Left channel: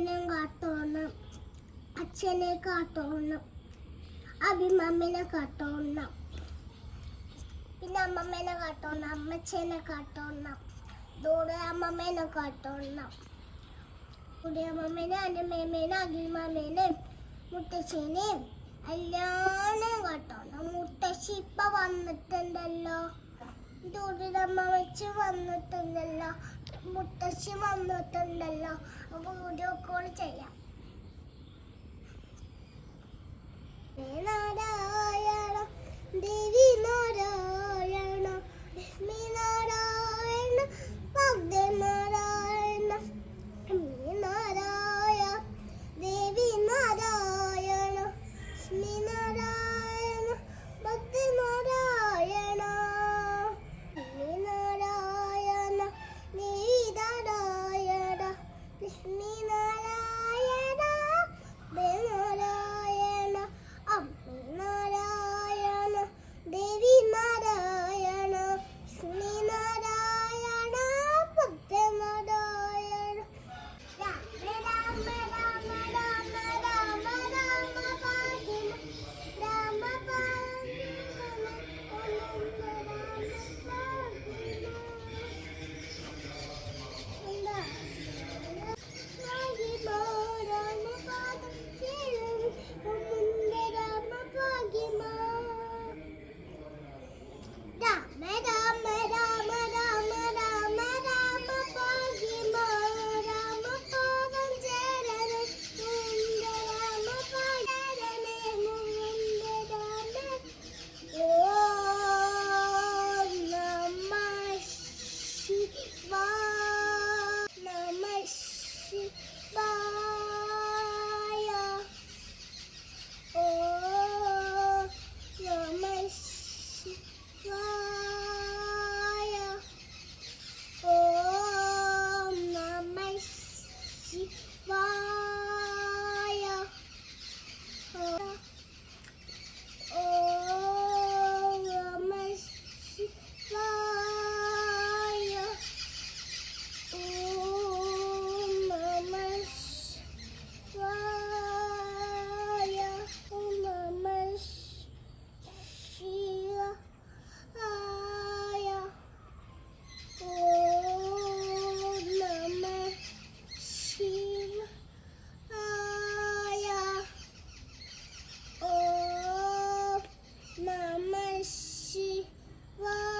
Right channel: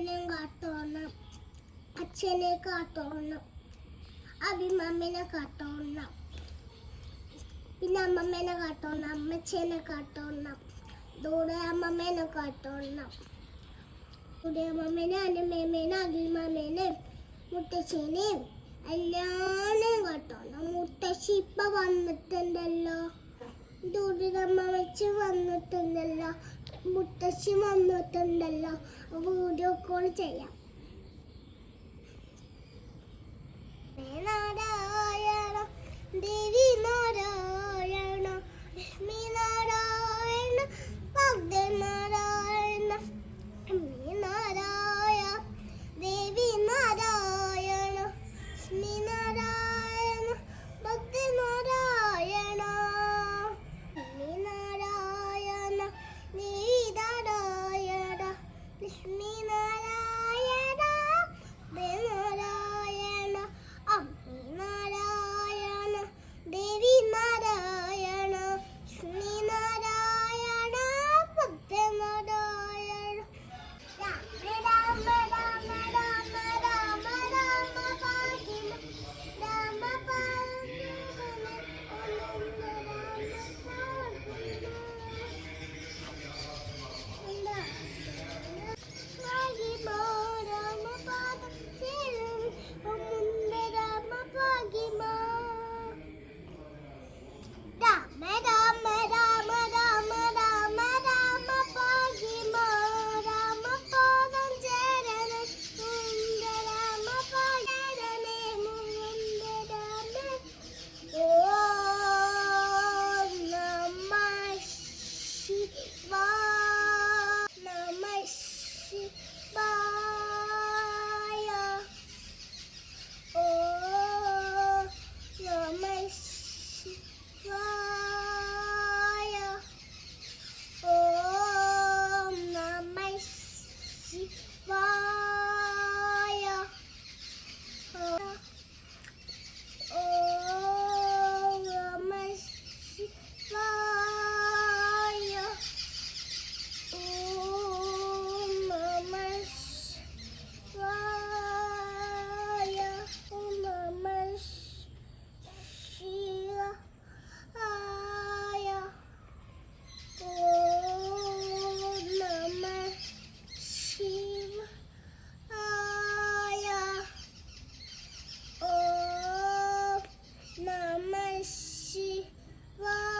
അമ്മേനും കാത്തോണം. അച്ഛനെ കാത്തോണം. അഭിമമ്മേനെ കാത്തോണം. പിന്നെ അമ്മമ്മേനെ കാത്തോണം. അമ്മച്ചേനെ കാത്തോണം. ദൂടെ അമ്മമ്മേനെ കാത്തോണം. ദൂടെ അമ്മമ്മേനെ അനുമേമേനെ അഭിമമ്മേനെ മുത്തശ്ശീനെയും എല്ലാവരെയും കാത്തോണം. മുത്തശ്ശി ഇപ്പൊ വന്നിട്ടുണ്ടല്ലോ. ദൂടെ അമ്മ വെച്ച് വന്നിട്ടുണ്ടല്ലോ. മുത്തശ്ശി വന്നിട്ടുണ്ടല്ലോ. വീഡിയോ കോൾ ചെയ്യാം. നമ ശിവായ